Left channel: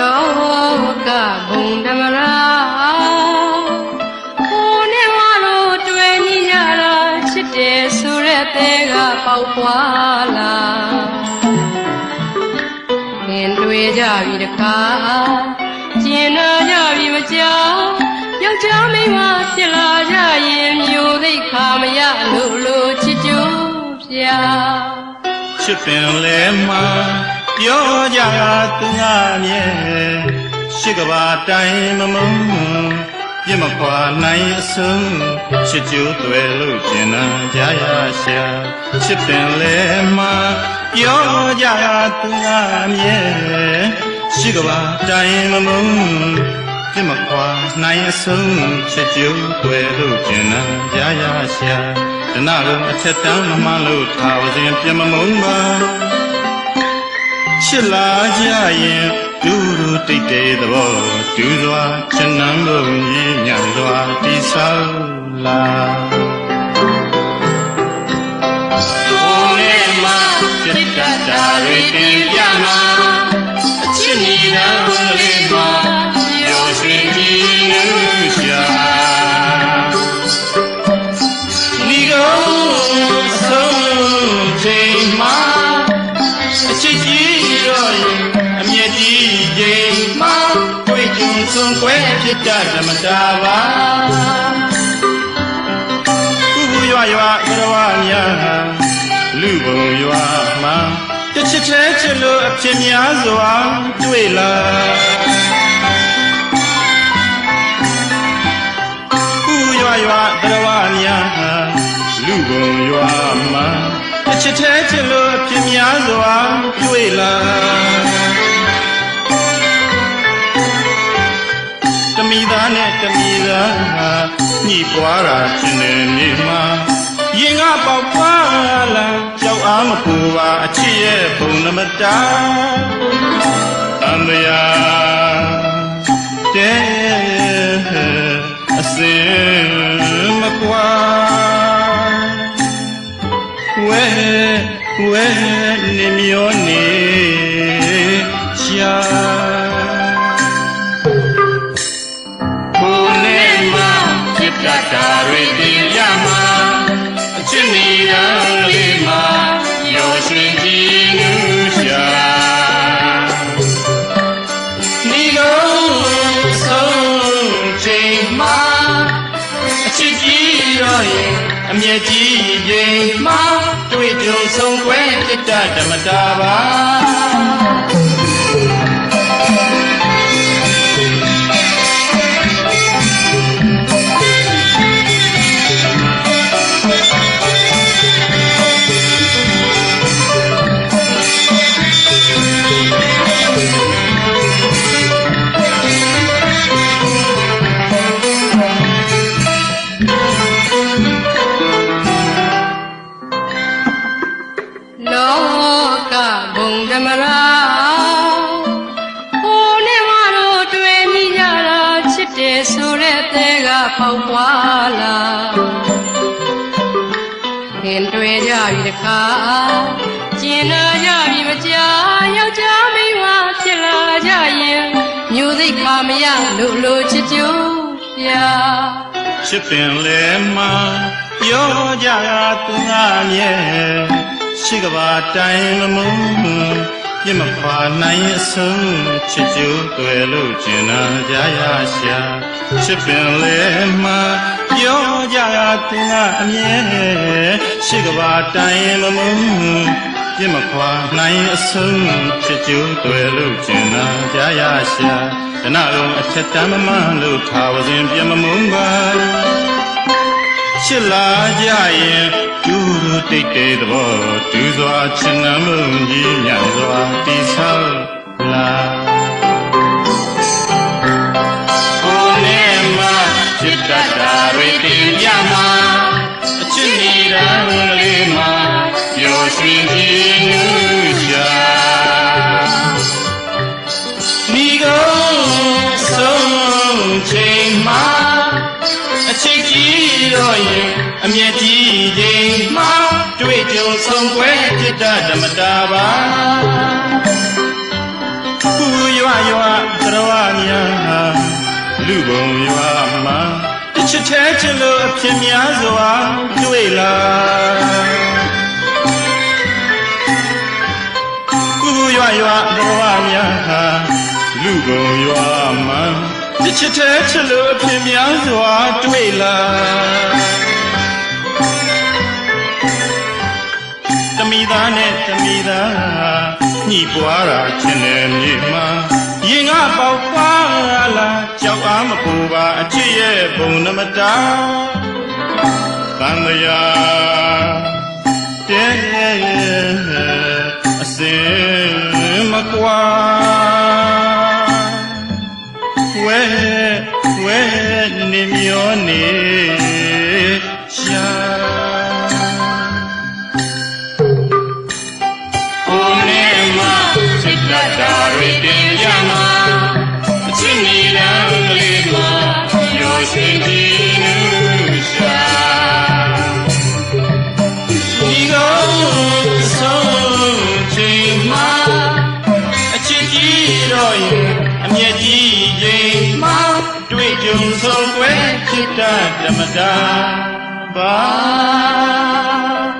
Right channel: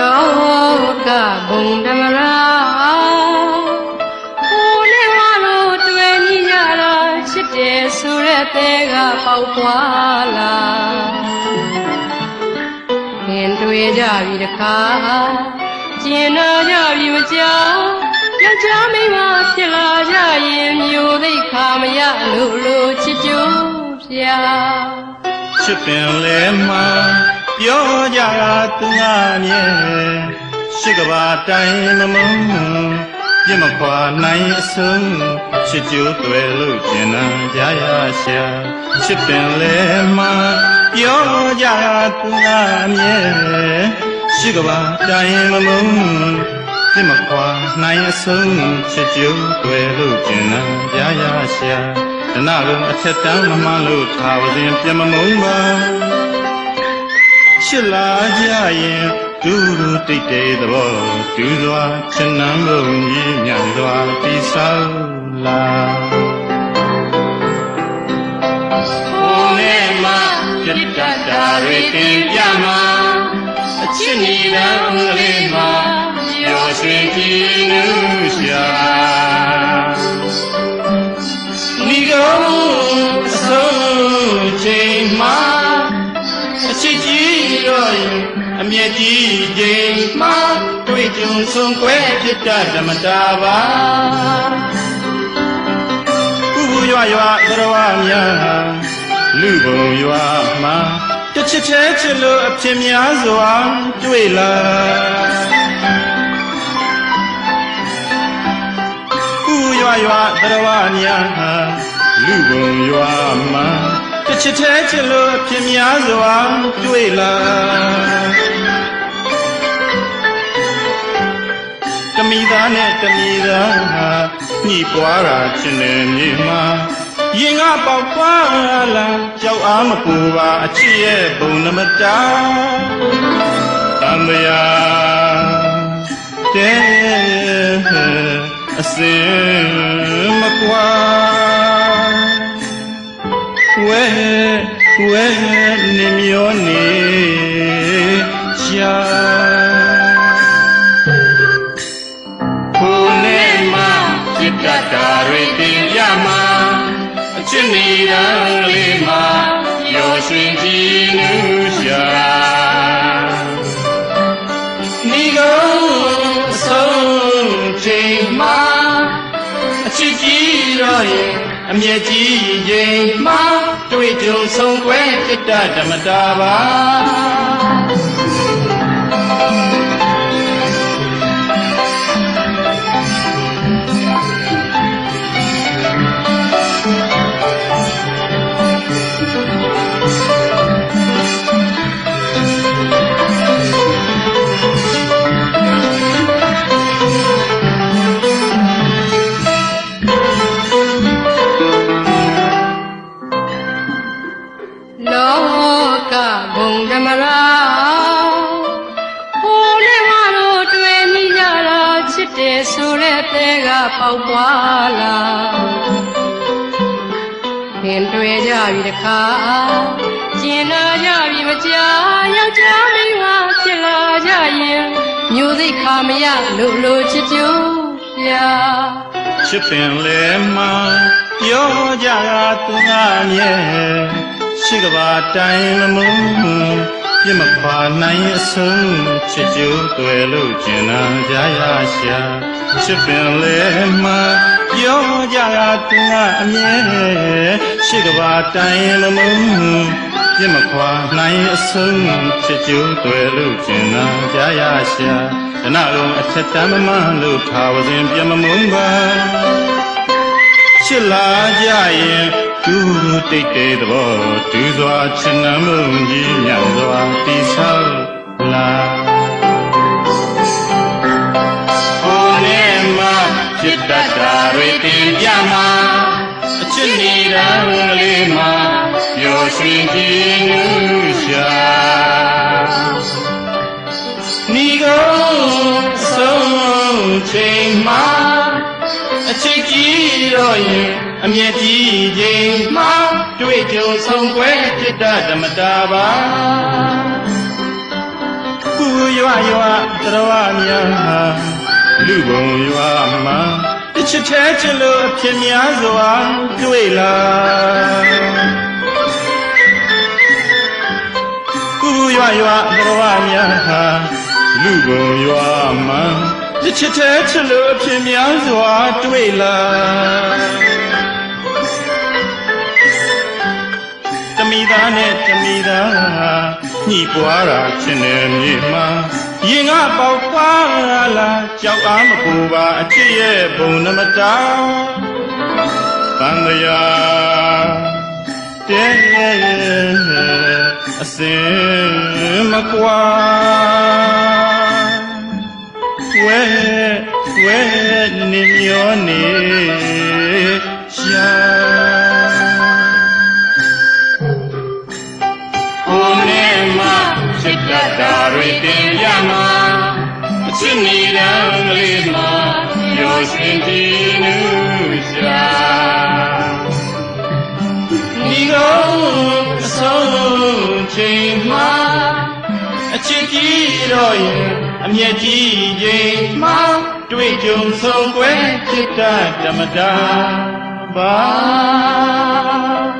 လောကဘုံဓမ္မရာကိုနေမလို့တွေ့မိရတာချစ်တယ်ဆိုတဲ့တဲ့ကပေါက်ပွားလာခင်တွေ့ကြပြီတခါကျင်နာကြပြီမကြောက်ယောက်ျားမင်းကဖြစ်လာကြရင်မျိုးသိခါမရလို့လို့ချစ်ကြပြာချစ်ပင်လဲမှာ ပြောကြတာသူငါနဲ့ရှိကဘာတိုင်းမမုန်းပြမခွာနိုင်အစုံချစ်ကြိုးတွေလို့ကျင်နာကြရရှာချစ်ပင်လဲမှာပြောကြတာသူငါနဲ့ရှိကဘာတိုင်းမမုန်းပြမခွာနိုင်အစုံချစ်ကြိုးတွေလို့ကျင်နာကြရရှာဒနာလုံးအချက်တန်းမမှလို့ထားဝခြင်းပြမမုန်းပါ ချစ်လာကြရင်ဒူဒူတိတ်တဲ့သဘောဒူစွာချင်နမ်းလို့ညံ့စွာတိဆောက်လာကိုယ်နဲ့မှပြတ်တတ်တာတွေတင်ပြမှာအချစ်ညီတော်လေးမှာရောရွှင်ကြည့်ရှာ တွေမှာတွေ့ကြုံဆုံးွယ်ပြတ်တတ်ဓမ္မတာပါဥပရွာရွာသရဝများလူဘုံရွာမှာတစ်ချက်ချဲချစ်လို့အဖြစ်များစွာတွေ့လာဥရွာရွာသရဝများလူဘုံရွာမှာတစ်ချက်ချဲချစ်လို့အဖြစ်များစွာတွေ့လာ မိသားနဲ့တမိသားဟာညှိပွားတာချင်းနေမိမှာရင်ကပေါက်ပွားလာကြောက်အားမပူပါအချစ်ရဲ့ဘုံနမတာအမယာတဲ့အစင်မကွာဝဲဝဲနေမျောနေ တတ်တာတွေတင်ပြမှာအချစ်နေရလေးမှာရောရွှင်ကြည့်ရှာမိတော့ဆုံးချိန်မှာအချစ်ကြီးရောရဲ့အမြဲကြီးတွေမှာတွေ့ကြုံဆုံးွယ်တတ်ဓမ္မတာပါ မ္မရာကိုနဲ့မတို့တွေ့မိကြတာချစ်တယ်ဆိုတဲ့တဲ့ကပေါက်ပွားလာခင်တွေ့ကြပြီတခါကျင်နာကြပြီမကြာယောက်ျားမင်းကဖြစ်လာကြရင်မျိုးစိတ်ခါမရလို့လို့ချစ်ကြပြာချစ်ပင်လည်းမပြောကြတာသူငါမြဲ ရှိကဘာတိုင်းမမုန်းပြမခွာနိုင်အဆုံးချစ်ကြိုးတွေလို့ကျင်နာကြရရှာချစ်ပင်လည်းမပြောကြတာသူငါအမြဲရှိကဘာတိုင်းမမုန်းပြမခွာနိုင်အဆုံးချစ်ကြိုးတွေလို့ကျင်နာကြရရှာကနရုံအထက်တမ်းမမှန်လို့ထားဝစဉ်ပြမမုန်းပါချစ်လာကြရင်သူ တိတ်တဲ့သဘောသူစွာချင်ငမ်းလို့ကြီးညစွာတီဆောက်လာကိုယ်နဲ့မှချစ်တတ်တာတွေတင်ပြမှာအချစ်နေတာလေးမှာပြောစီပြီးရှာမိတော့ဆုံးချိန်မှာအချစ်ကြီးရောရင်အမြဲကြီးဒီမောင်း တွေ့ကြုံဆုံးပွဲဖြစ်တာဓမ္မတာပါကူရွာရွာကရဝများလူပုံရွာမှာတစ်ချစ်ထဲချစ်လို့အဖြစ်များစွာတွေ့လာကူရွာရွာကရဝများလူပုံရွာမှာတစ်ချစ်ထဲချစ်လို့အဖြစ်များစွာတွေ့လာ မိသားနဲ့တမိသားညှိပွားတာချင်တယ်မိမရင်ကပေါက်ပါလာကြောက်အားမပူပါအချစ်ရဲ့ဘုံနမတာသံဃာကဲအစင်မကွာဝဲဝဲနေမျောနေ မရောစိတ်ကြီးရှာဒီလိုဆုံးချိန်မှာအချစ်ကြီးတော့ရင်အမြဲကြီးတွေမှာတွေ့ကြုံဆုံးပွဲဖြစ်တာဓမ္မတာပါ